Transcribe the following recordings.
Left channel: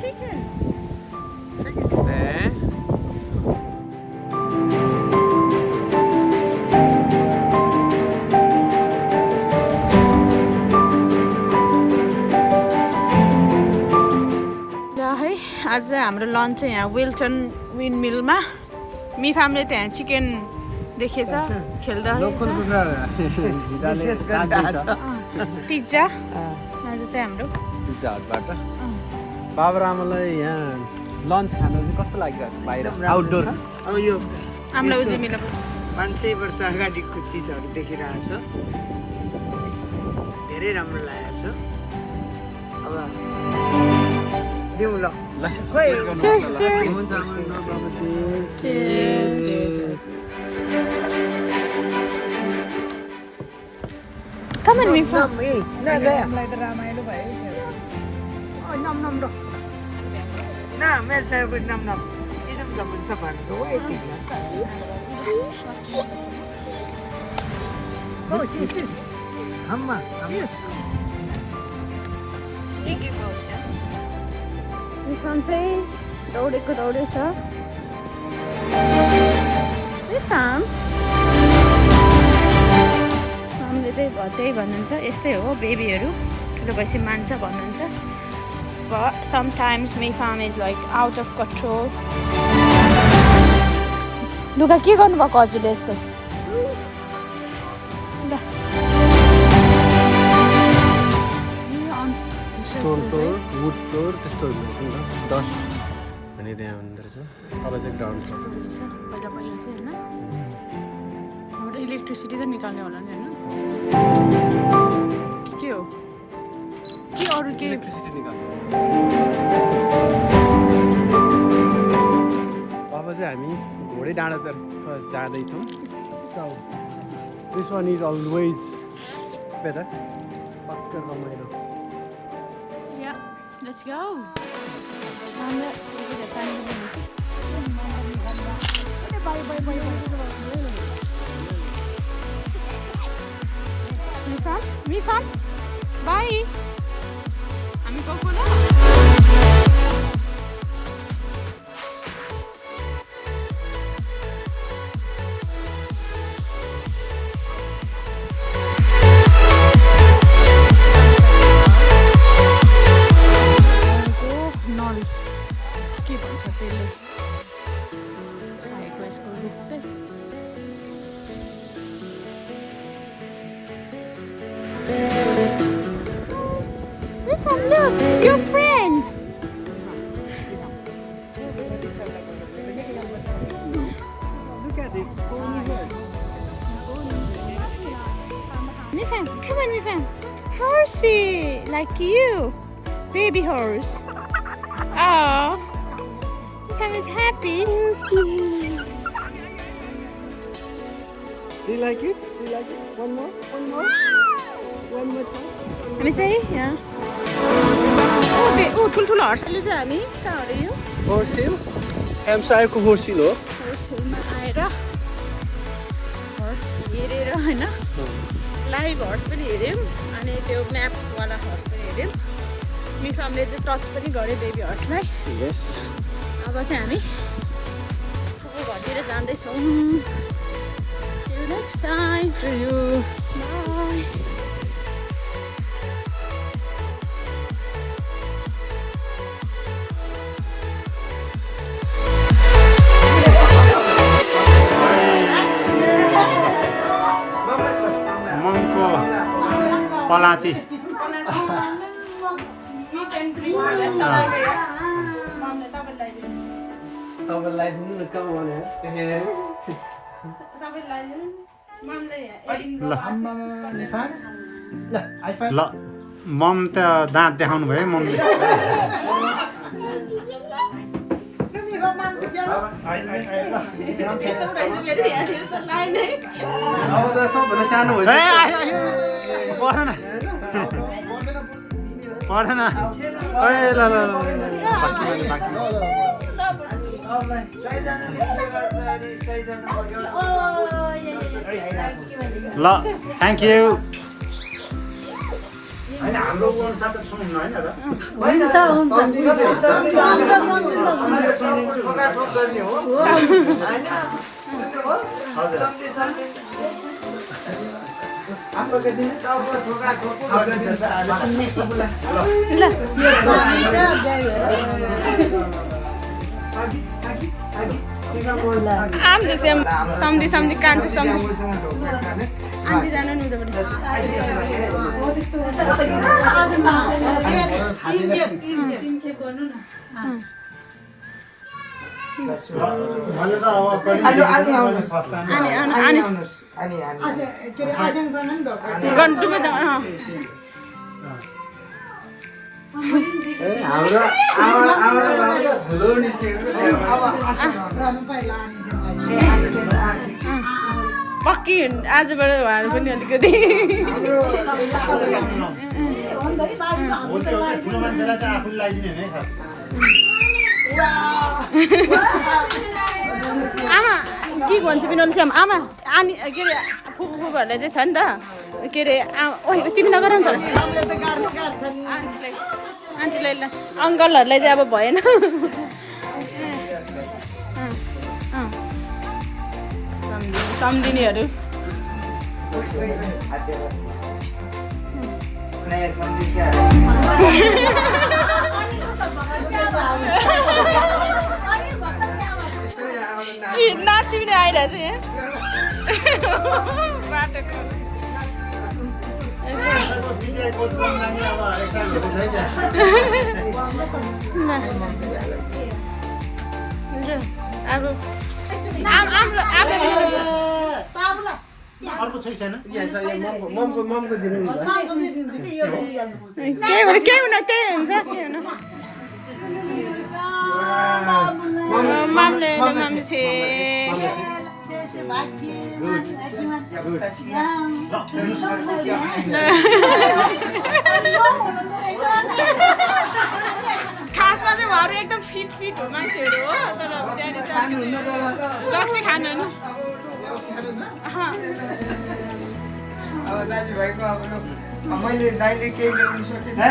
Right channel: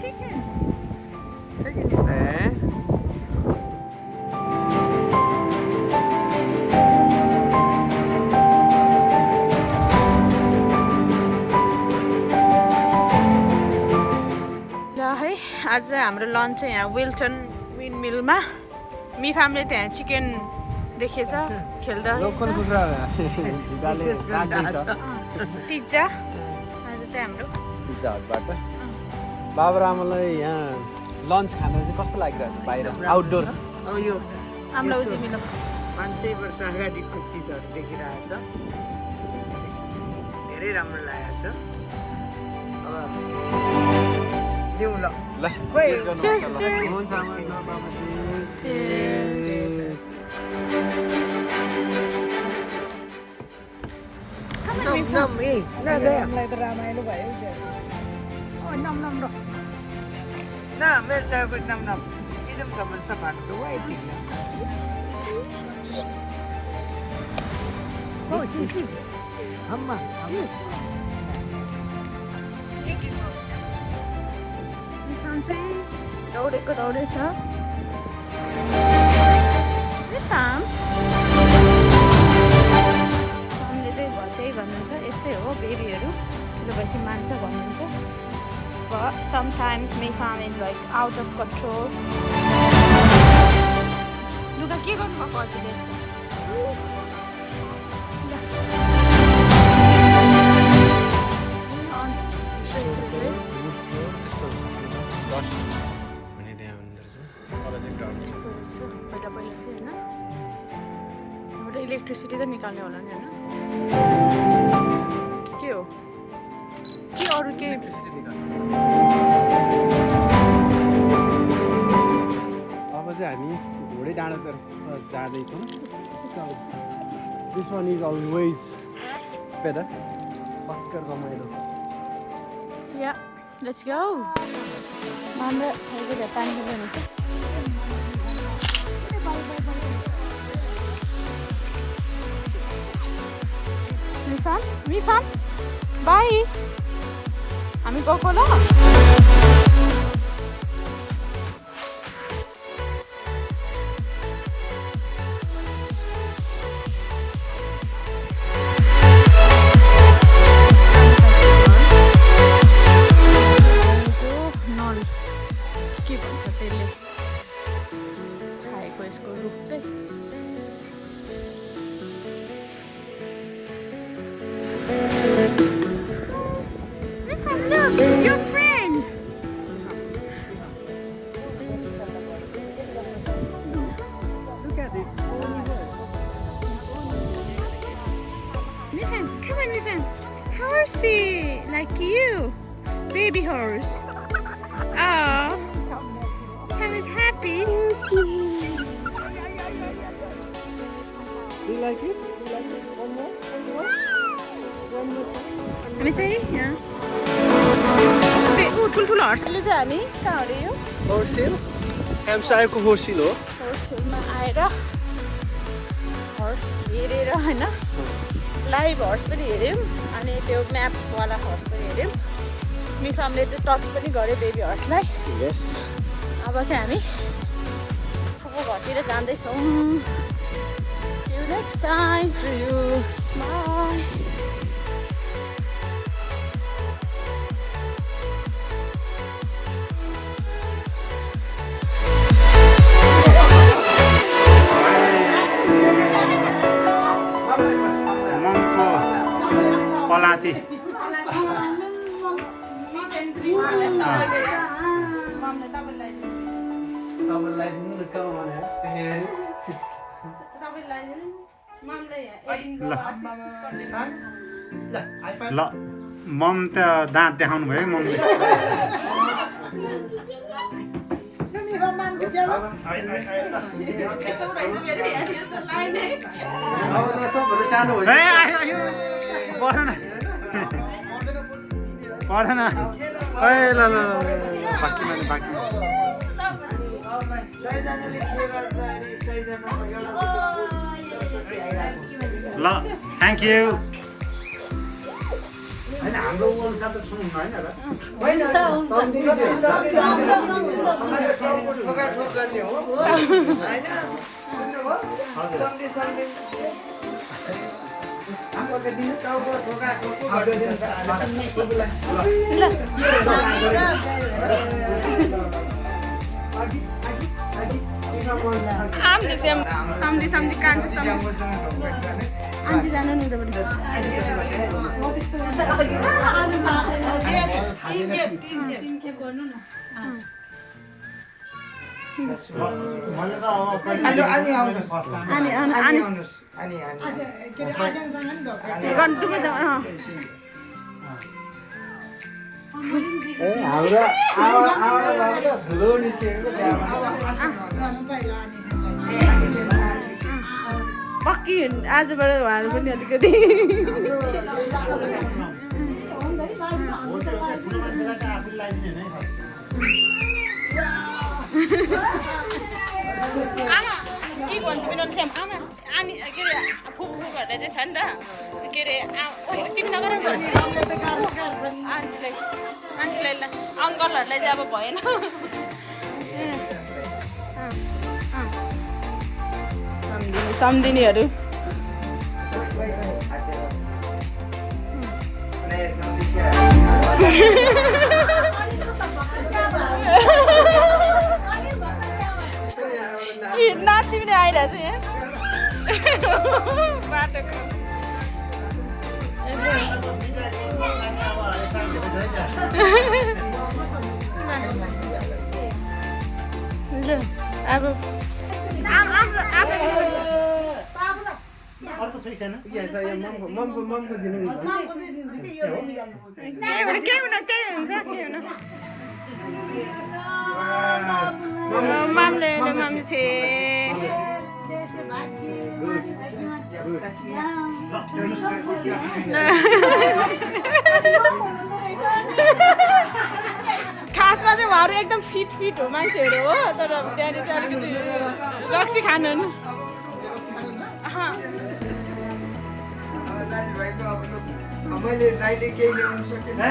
Chicken. Chicken is there. है आज चाहिँ हाम्रो लन्च चाहिँ यहाँ विल्टन विन्डमिलमा मिफामले त्यहाँ चिकन देखेछ खेल्दा पिज्जा आज चाहिँ हाम्रो पिज्जा हटबाट बाबा रामलाई यहाँ लन्च खानु चाहिँ कस्तो लागिरहेछ बाहिर आउटडोर अब यो हामीलाई उदय मिला 500 वर्ष अगाडिको चिजहरू देखिरहेछ धेरै राम्रो लागेको छ अब दिउँ ल Cheers, cheers. Come on, Mifa. न मेरो साइड नाम न इजम कमन सफाको वाइ तिला हम्मा मिफाम चाहिँ दौडेको दौडेछ मिफाम फामले चाहिँ त्यही भन्नुहुन्छ यस्तै हो बेबीहरू ठुलो भएपछि मान्छ भन्नुहुन्छ but sometimes Mifam is like out of control. लुगा के गर्नुभएको हजुरले यस्तो वुड फ्लोर त्यस्तो डस्ट अनि त्यहाँ हुँदो रहेछ तल चाहिँ ग्राउन्ड यस्तो रहेछ पहिला पहिला चाहिँ होइन हाम्रो इलेक्ट्रिसिटी त निकाल्ने होला नि होइन के हो के अरू के अब चाहिँ हामी घोडे डाँडातर्फ जाँदैछौँ this one is always better पक्का रमाइलो Yeah, let's go. Mama, we'll get time to do it. Mifam, bye. हामी गएको ल के भन्छ त्यसले छाएको यसको रुख चाहिँ Mifam, look, your friend. Look at this pony horse. Mifam, come on, Mifam. Horsey, like you, baby horse. Oh, Mifam is happy. Do you like it? Do you like it? One more? One more? One more time? हामी चाहिँ यहाँ ठुल्ठुलो हर्सले चाहिँ हामी कहाँ अरे यो Horse hill? एमसायरको horse hill हो हर्स हिलमा आएर हर्स हेरेर होइन लाइभ हर्स पनि हेऱ्यौँ अनि त्यो म्यापवाला हर्स पनि हेऱ्यौँ मिफामले चाहिँ टच पनि गऱ्यो बेबी हर्सलाई Yes. अब चाहिँ हामी अब घरतिर जाँदैछौँ See you next time. See you. Bye. ममको पलाती ल मम त दाँत देखाउनु भयो ममले सबभन्दा सानो पर्दैन पर्दैन ए ल ल बाँकीमा बाँकी ल थ्याङ्क यू होइन हाम्रो अनुसार त छुनुहुन्न होइन र सम्धी कान्छ सम्धी आन्टी जानु नि उताबाट पक्की आजबाट उहाँहरू पनि अलिकति आमा के भन्छ बिनोद श्याम आमा आनी के अरे फुपूहरूले चाहिँ छ नि त के अरे तिमी नगर नि आन्टीलाई अङ्कलहरूलाई चाहिँ अब भएन सम्धिनीहरू नाति पनि आइरहेछ यहाँ बाटोको अब अर्को छोइ छैन ममको दिनु केही हुन त्यही हुन्छ केही हुन मामले छे खासमा चाहिँ उहाँहरू एकदम फिट हो मान्छेहरू हो तर ड्याडी चाहिँ अलिकति रक्सी खानु मैले दाइले केही ल्याउनु सकिनँ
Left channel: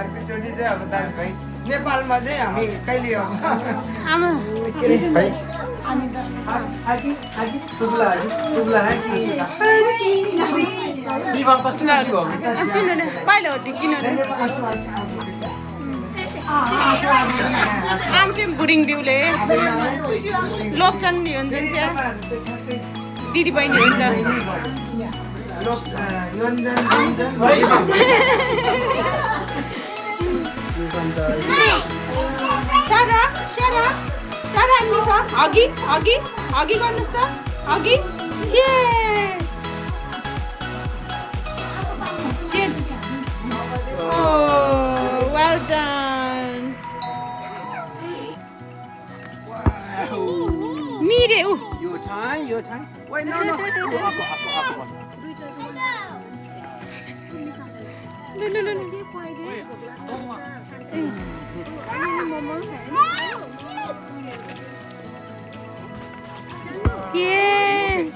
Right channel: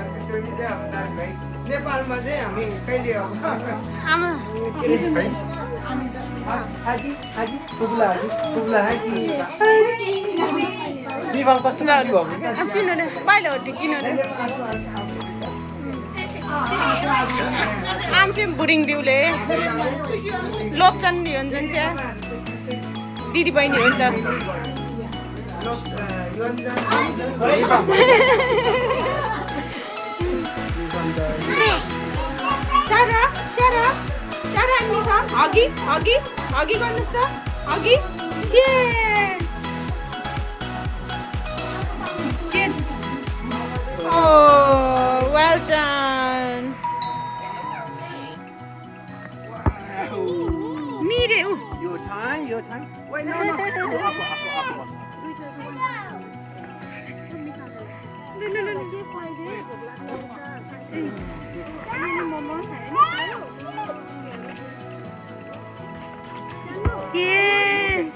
अर्कोचोटि चाहिँ अब दाजुभाइ नेपालमा चाहिँ हामी कहिले अब आमा पहिलो ढिकिनु आम चाहिँ बुढिङ बिउले लोकचन योन्जन चाहिँ दिदी बहिनी हो नि त अघि गर्नुहोस् त अघि well done Mire, Your time. Wait, no. No. Yes.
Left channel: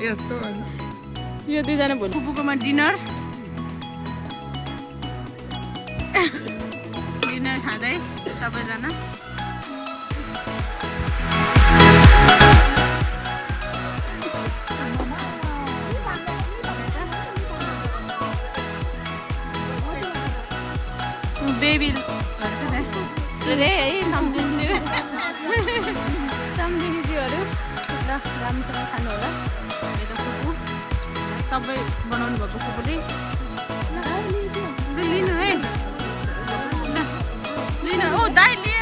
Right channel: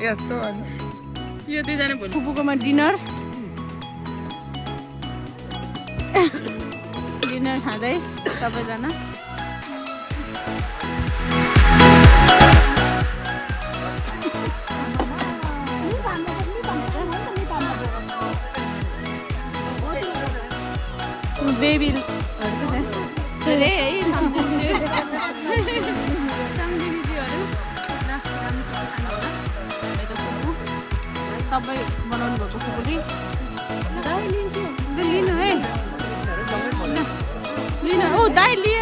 यस्तो यो दुईजना भोलि फुपूकोमा डिनर खाँदै सबैजना बेबीहरू है सम्झिनीज्यूहरू ल राम्रोसँग खानु होला यता फुपू सबै बनाउनु भएको फुपूले लिनु है लिनु दाइ लिए